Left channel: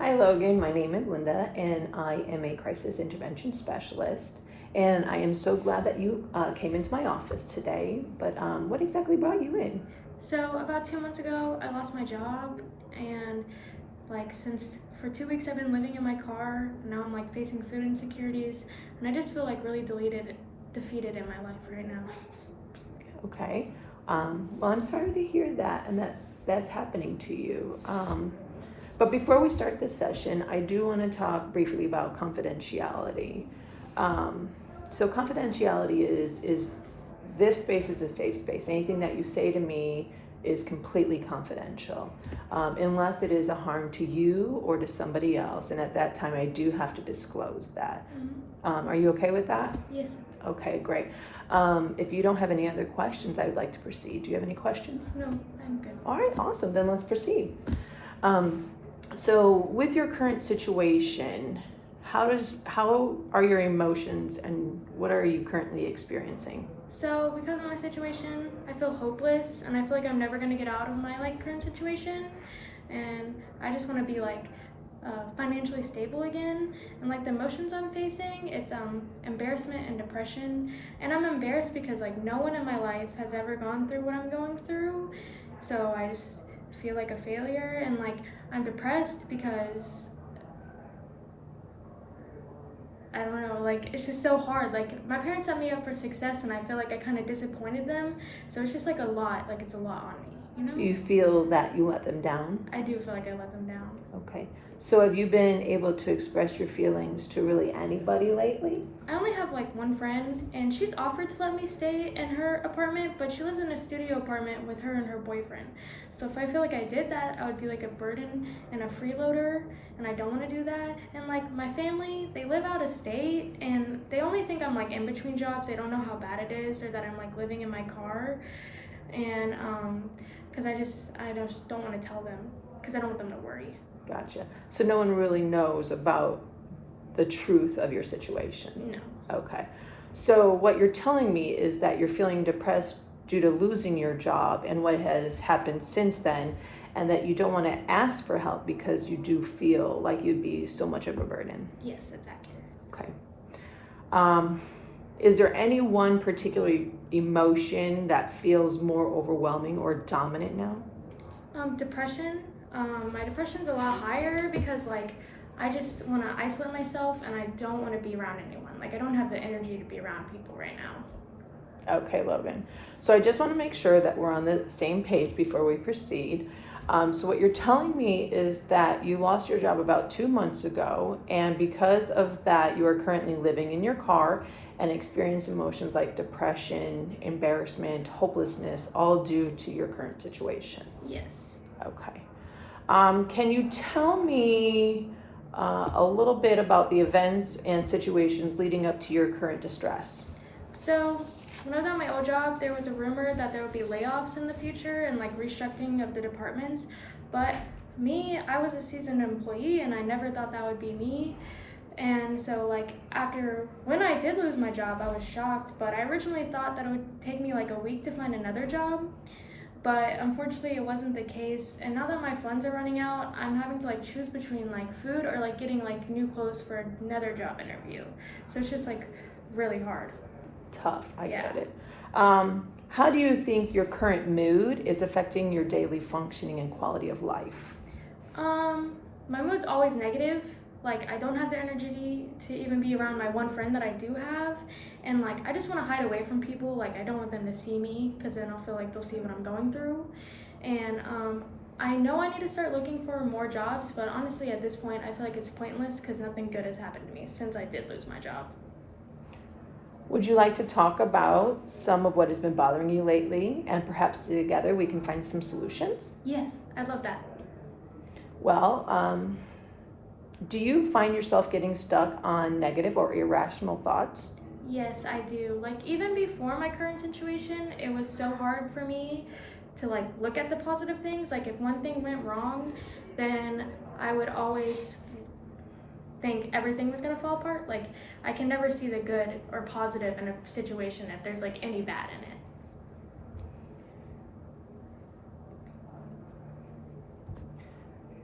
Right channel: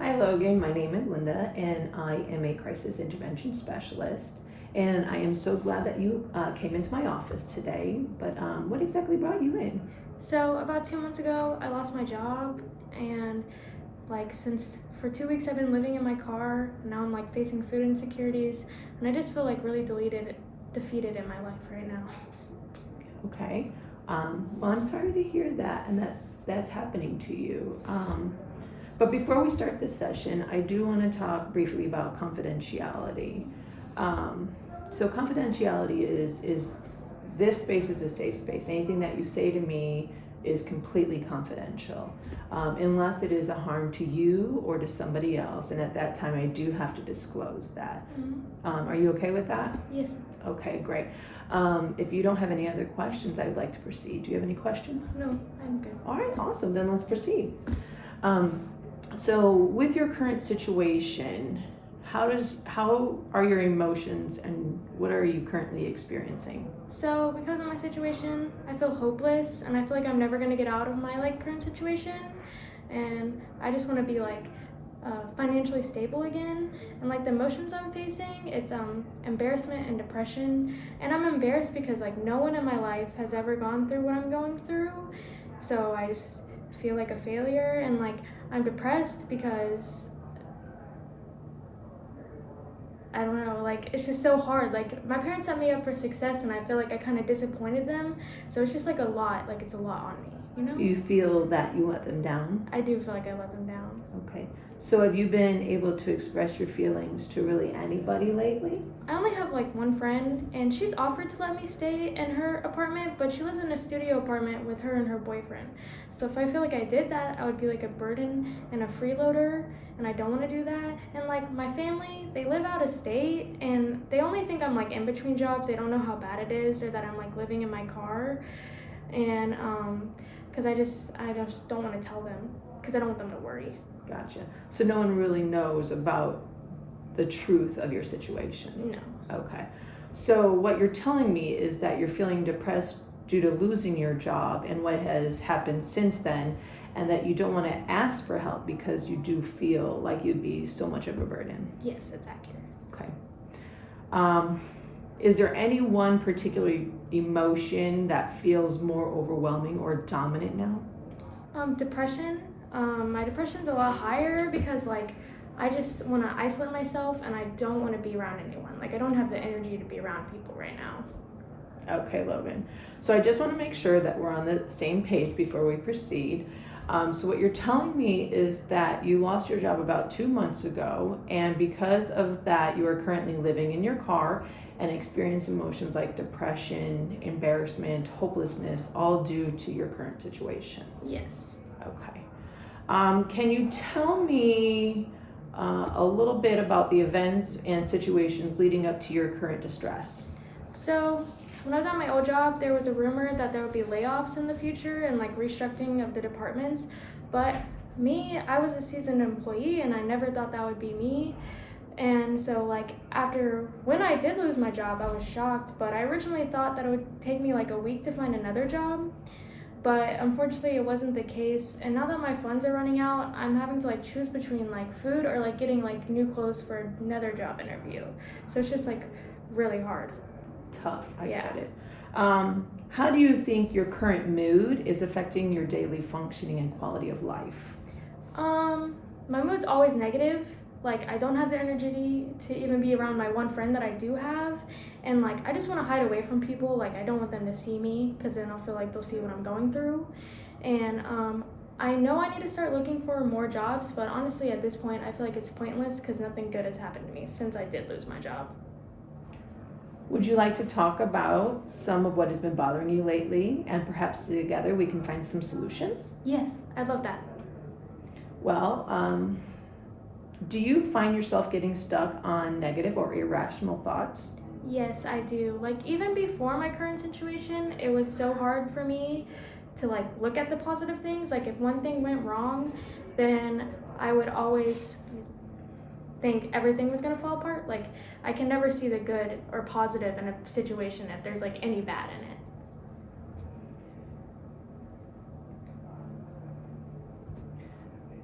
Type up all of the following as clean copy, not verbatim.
Hi Logan, my name is Linda and I am a crisis intervention specialist. And I am so glad that you came into my office today, but what exactly brought you in? So about 2 months ago, I lost my job, and since for 2 weeks I've been living in my car. Now I'm facing food insecurities, and I just feel really defeated in my life right now. Okay, well I'm sorry to hear that and that's happening to you. But before we start this session, I do want to talk briefly about confidentiality. So confidentiality is this space is a safe space. Anything that you say to me is completely confidential, unless it is a harm to you or to somebody else. And at that time, I do have to disclose that. Mm-hmm. Are you okay with that? Yes. Okay, great. If you don't have any other questions, I'd like to proceed. Do you have any questions? No, I'm good. All right, awesome. Then let's proceed. So with your current situation, how are your emotions and what are you currently experiencing? So because of my situation, I feel hopeless, and I feel like I'm never gonna get out of my current situation, and I just want to be financially stable again. And the emotions I'm facing, it's embarrassment and depression. And I'm embarrassed because no one in my life has ever gone through what I'm going through, so I just feel like a failure. And I'm depressed because I don't know, it's just so hard. My parents set me up for success, and I feel like I kind of disappointed them, so it's just a lot. It's a lot on me, you know? Do you feel that you let them down? I do feel like I let them down. Okay. So have you been able to express your feelings to really anybody lately? I only have one friend, and she's offered to let me stay in her apartment, but she lives in a studio apartment with her and her boyfriend. So if I feel like I did that, I would be a burden and a freeloader, and I don't want to do that. And my family, they live out of state, and they only think I'm in between jobs. They don't know how bad it is, or that I'm living in my car. And because I just don't want to tell them, because I don't want them to worry. Gotcha. So no one really knows about the truth of your situation? No. Okay. So what you're telling me is that you're feeling depressed due to losing your job and what has happened since then, and that you don't want to ask for help because you do feel like you'd be so much of a burden. Yes, that's accurate. Okay. Is there any one particular emotion that feels more overwhelming or dominant now? Depression. My depression's a lot higher because I just want to isolate myself, and I don't want to be around anyone. I don't have the energy to be around people right now. Okay, Logan. So I just want to make sure that we're on the same page before we proceed. So what you're telling me is that you lost your job about 2 months ago, and because of that, you are currently living in your car and experience emotions like depression, embarrassment, hopelessness, all due to your current situation. Yes. Okay. Can you tell me a little bit about the events and situations leading up to your current distress? So when I was at my old job, there was a rumor that there would be layoffs in the future and restructuring of the departments. But me, I was a seasoned employee, and I never thought that would be me. And so when I did lose my job, I was shocked, but I originally thought that it would take me a week to find another job. But unfortunately, it wasn't the case. And now that my funds are running out, I'm having to choose between food or getting new clothes for another job interview. So it's just really hard. Tough, I get it. How do you think your current mood is affecting your daily functioning and quality of life? My mood's always negative. I don't have the energy to even be around my one friend that I do have. And I just want to hide away from people. I don't want them to see me, because then I'll feel like they'll see what I'm going through. And I know I need to start looking for more jobs, but honestly at this point I feel like it's pointless because nothing good has happened to me since I did lose my job. Would you like to talk about some of what has been bothering you lately, and perhaps together we can find some solutions? Yes, I'd love that. Well, do you find yourself getting stuck on negative or irrational thoughts? Yes, I do. Even before my current situation, it was so hard for me to look at the positive things. If one thing went wrong, then I would always think everything was going to fall apart. I can never see the good or positive in a situation if there's any bad in it.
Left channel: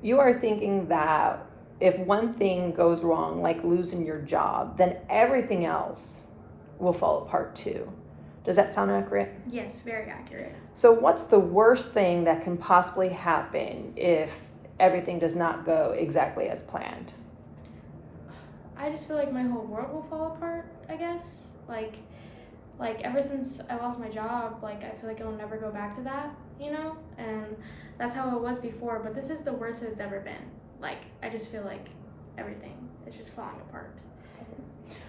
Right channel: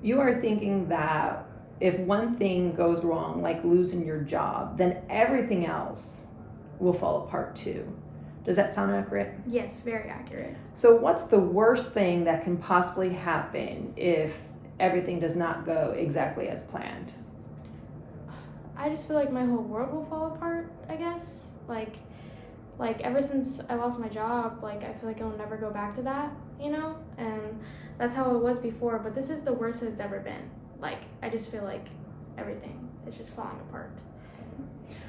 You are thinking that if one thing goes wrong, like losing your job, then everything else will fall apart too. Does that sound accurate? Yes, very accurate. So what's the worst thing that can possibly happen if everything does not go exactly as planned? I just feel like my whole world will fall apart, I guess. Like ever since I lost my job, like I feel like I'll never go back to that, you know? And that's how it was before, but this is the worst it's ever been. Like I just feel like everything is just falling apart.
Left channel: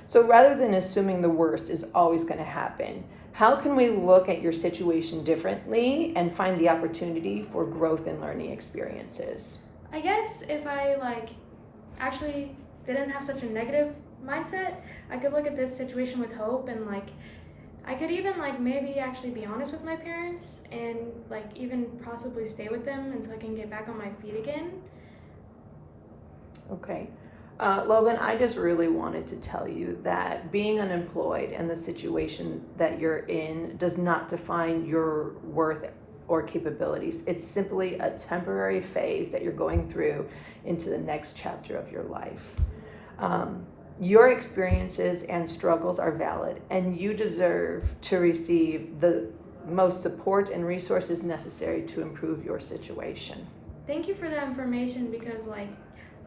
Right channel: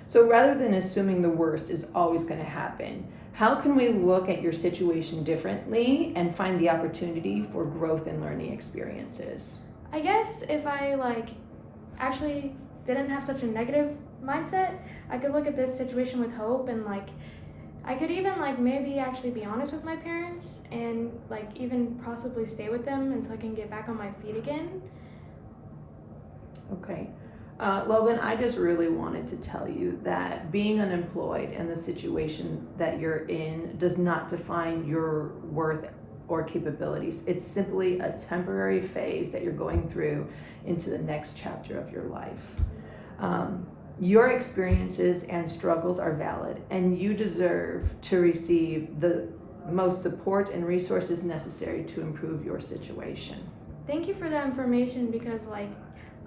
So rather than assuming the worst is always going to happen, how can we look at your situation differently and find the opportunity for growth and learning experiences? I guess if I actually didn't have such a negative mindset, I could look at this situation with hope, and I could even maybe actually be honest with my parents and even possibly stay with them until I can get back on my feet again. Okay. Logan, I just really wanted to tell you that being unemployed and the situation that you're in does not define your worth or capabilities. It's simply a temporary phase that you're going through into the next chapter of your life. Your experiences and struggles are valid, and you deserve to receive the most support and resources necessary to improve your situation. Thank you for that information, because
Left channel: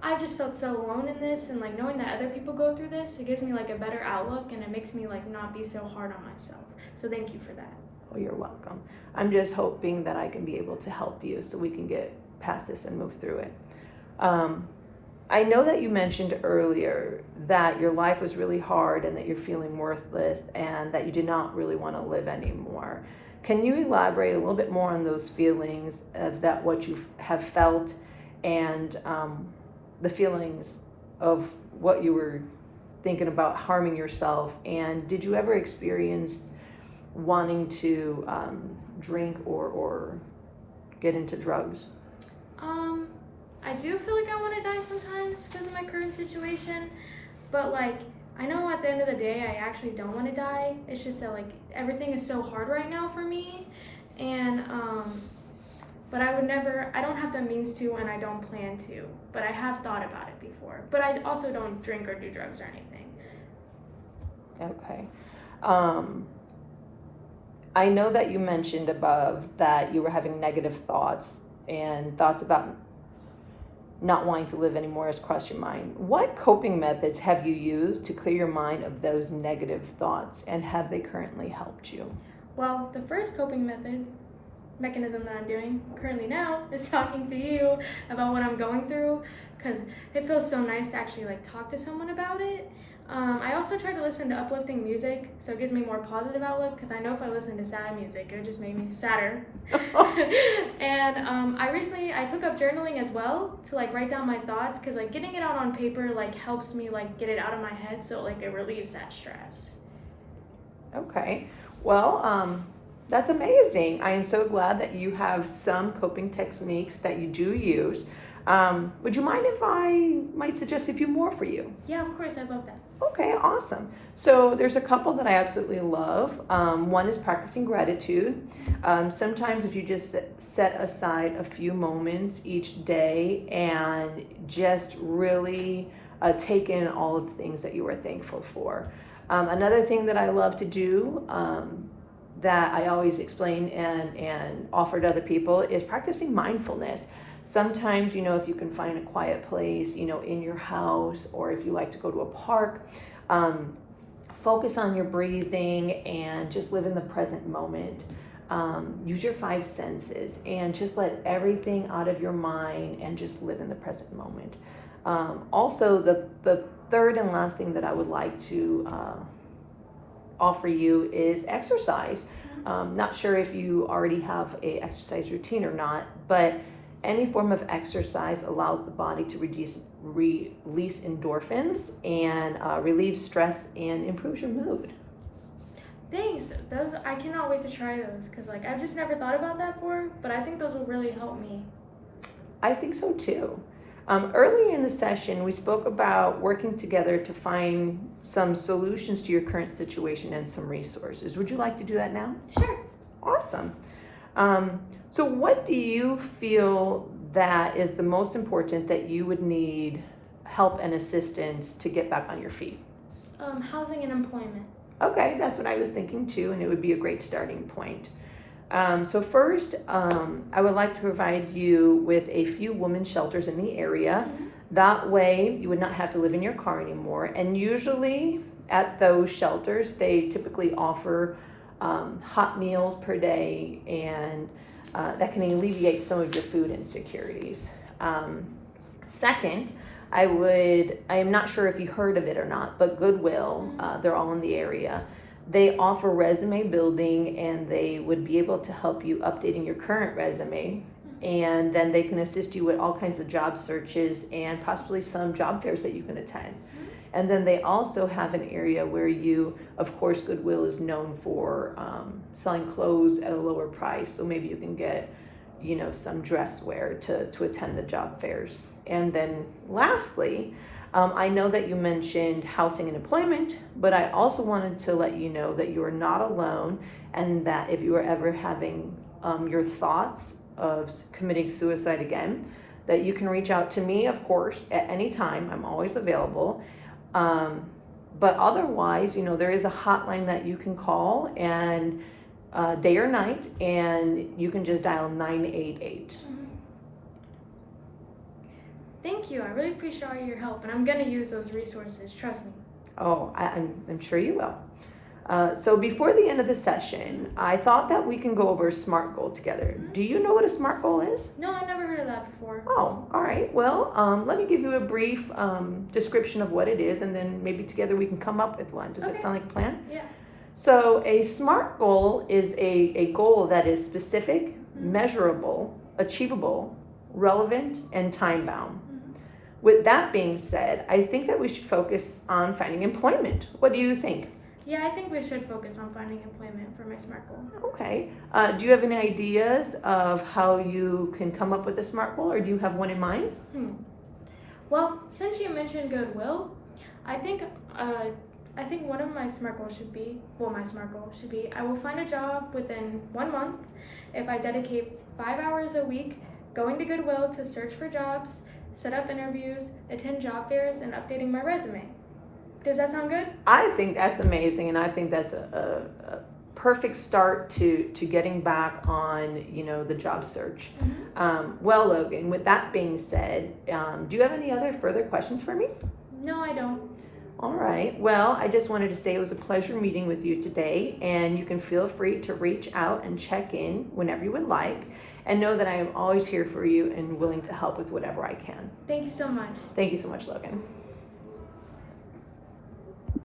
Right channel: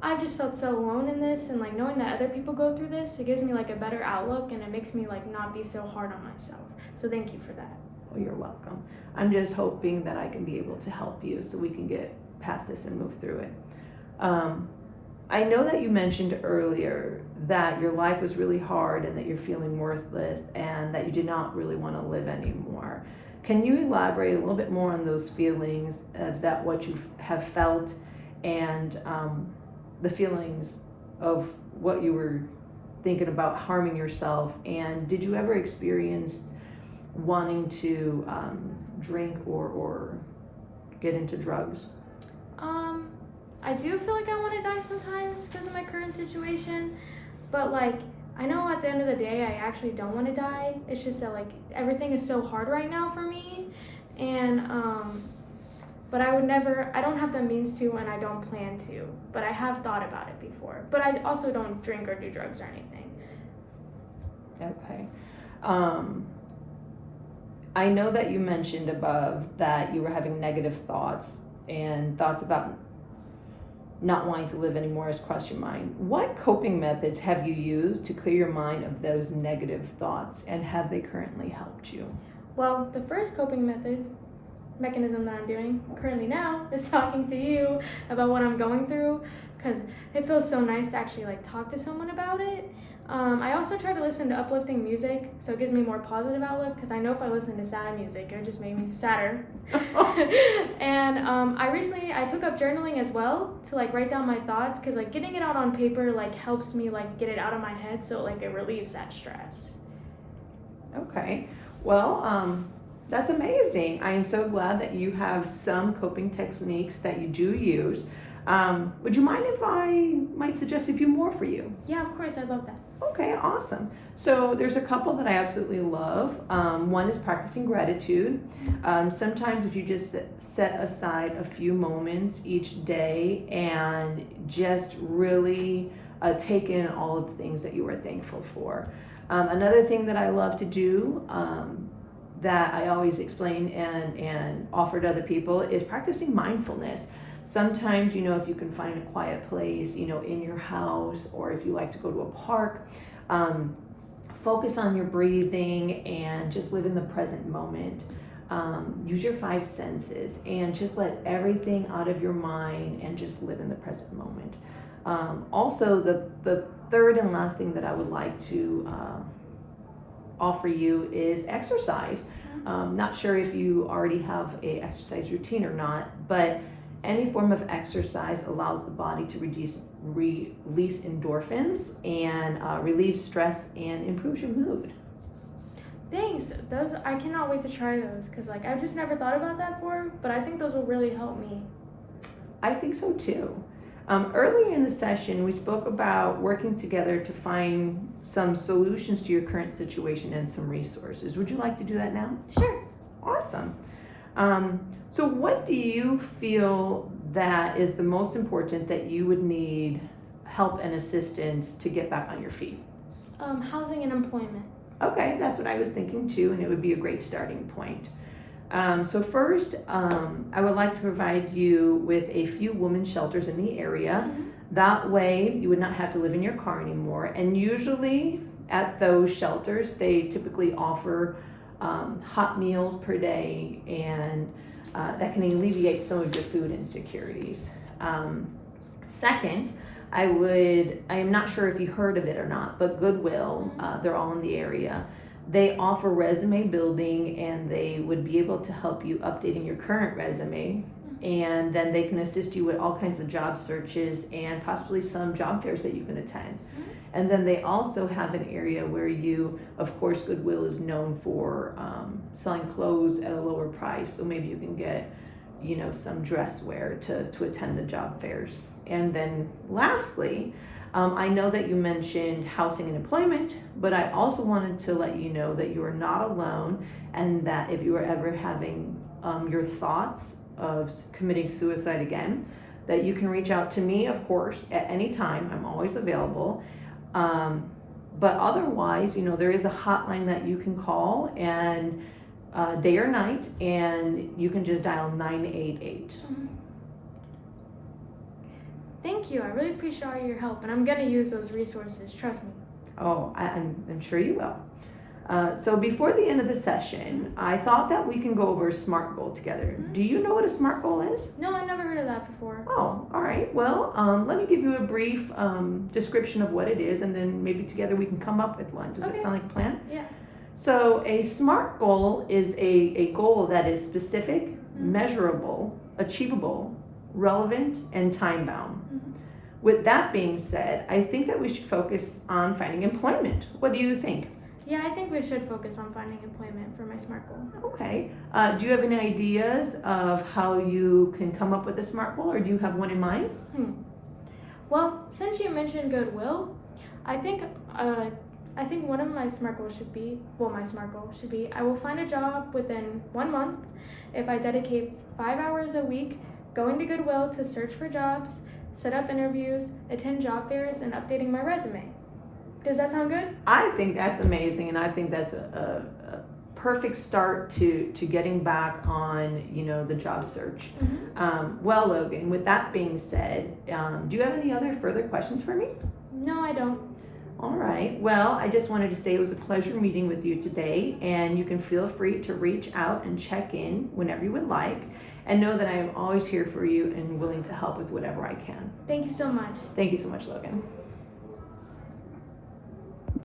I just felt so alone in this, and knowing that other people go through this, it gives me a better outlook, and it makes me not be so hard on myself. So thank you for that. Well, you're welcome. I'm just hoping that I can be able to help you so we can get past this and move through it. I know that you mentioned earlier that your life was really hard and that you're feeling worthless and that you do not really want to live anymore. Can you elaborate a little bit more on those feelings of that, what you have felt, and the feelings of what you were thinking about harming yourself? And did you ever experience wanting to drink or get into drugs? I do feel like I want to die sometimes because of my current situation, but I know at the end of the day I actually don't want to die. It's just that everything is so hard right now for me, and but I don't have the means to, and I don't plan to, but I have thought about it before. But I also don't drink or do drugs or anything. Okay. I know that you mentioned above that you were having negative thoughts, and thoughts about not wanting to live anymore has crossed your mind. What coping methods have you used to clear your mind of those negative thoughts, and have they currently helped you? Well, the first coping mechanism that I'm doing currently now is talking to you about what I'm going through, because it feels so nice to actually talk to someone about it. I also try to listen to uplifting music, so it gives me more positive outlook, because I know if I listen to sad music, it would just make me sadder. And I took up journaling as well to write down my thoughts, because getting it out on paper helps me get it out of my head, so it relieves that stress. Okay. Well, that's amazing. I am so glad that you have some coping techniques that you do use. Would you mind if I might suggest a few more for you? Yeah, of course, I'd love that. Okay, awesome. So there's a couple that I absolutely love. One is practicing gratitude. Sometimes if you just set aside a few moments each day and just really take in all of the things that you are thankful for. Another thing that I love to do that I always explain and offer to other people is practicing mindfulness. Sometimes, if you can find a quiet place, in your house, or if you like to go to a park, focus on your breathing and just live in the present moment. Use your 5 senses and just let everything out of your mind and just live in the present moment. Also, the third and last thing that I would like to offer you is exercise. Not sure if you already have a exercise routine or not, but any form of exercise allows the body to release endorphins and relieve stress and improves your mood. Thanks. I cannot wait to try those, because I've just never thought about that before, but I think those will really help me. I think so too. Earlier in the session, we spoke about working together to find some solutions to your current situation and some resources. Would you like to do that now? Sure. Awesome. So what do you feel that is the most important that you would need help and assistance to get back on your feet? Housing and employment. Okay, that's what I was thinking too, and it would be a great starting point. So first, I would like to provide you with a few women's shelters in the area. That way, you would not have to live in your car anymore. And usually at those shelters, they typically offer hot meals per day, and that can alleviate some of your food insecurities. Second, I am not sure if you heard of it or not, but Goodwill, they're all in the area. They offer resume building, and they would be able to help you updating your current resume. And then they can assist you with all kinds of job searches and possibly some job fairs that you can attend. And then they also have an area where of course, Goodwill is known for selling clothes at a lower price. So maybe you can get, some dress wear to attend the job fairs. And then lastly, I know that you mentioned housing and employment, but I also wanted to let you know that you are not alone, and that if you are ever having your thoughts of committing suicide again, that you can reach out to me, of course, at any time. I'm always available. But otherwise, there is a hotline that you can call, and day or night, and you can just dial 988. Thank you. I really appreciate all your help, and I'm going to use those resources. Trust me. Oh, I'm sure you will. So before the end of the session, I thought that we can go over a SMART goal together. Do you know what a SMART goal is? No, I never heard of that before. Oh, all right. Well, let me give you a brief description of what it is, and then maybe together we can come up with one. Does that sound like a plan? Yeah. So a SMART goal is a goal that is specific, measurable, achievable, relevant, and time-bound. With that being said, I think that we should focus on finding employment. What do you think? Yeah, I think we should focus on finding employment for my SMART goal. Okay. Do you have any ideas of how you can come up with a SMART goal, or do you have one in mind? Well, since you mentioned Goodwill, I think one of my SMART goals should be, I will find a job within 1 month if I dedicate 5 hours a week going to Goodwill to search for jobs, set up interviews, attend job fairs, and updating my resume. Does that sound good? I think that's amazing, and I think that's a perfect start to getting back on, the job search. Well, Logan, with that being said, do you have any other further questions for me? No, I don't. All right. Well, I just wanted to say it was a pleasure meeting with you today, and you can feel free to reach out and check in whenever you would like, and know that I am always here for you and willing to help with whatever I can. Thank you so much. Thank you so much, Logan.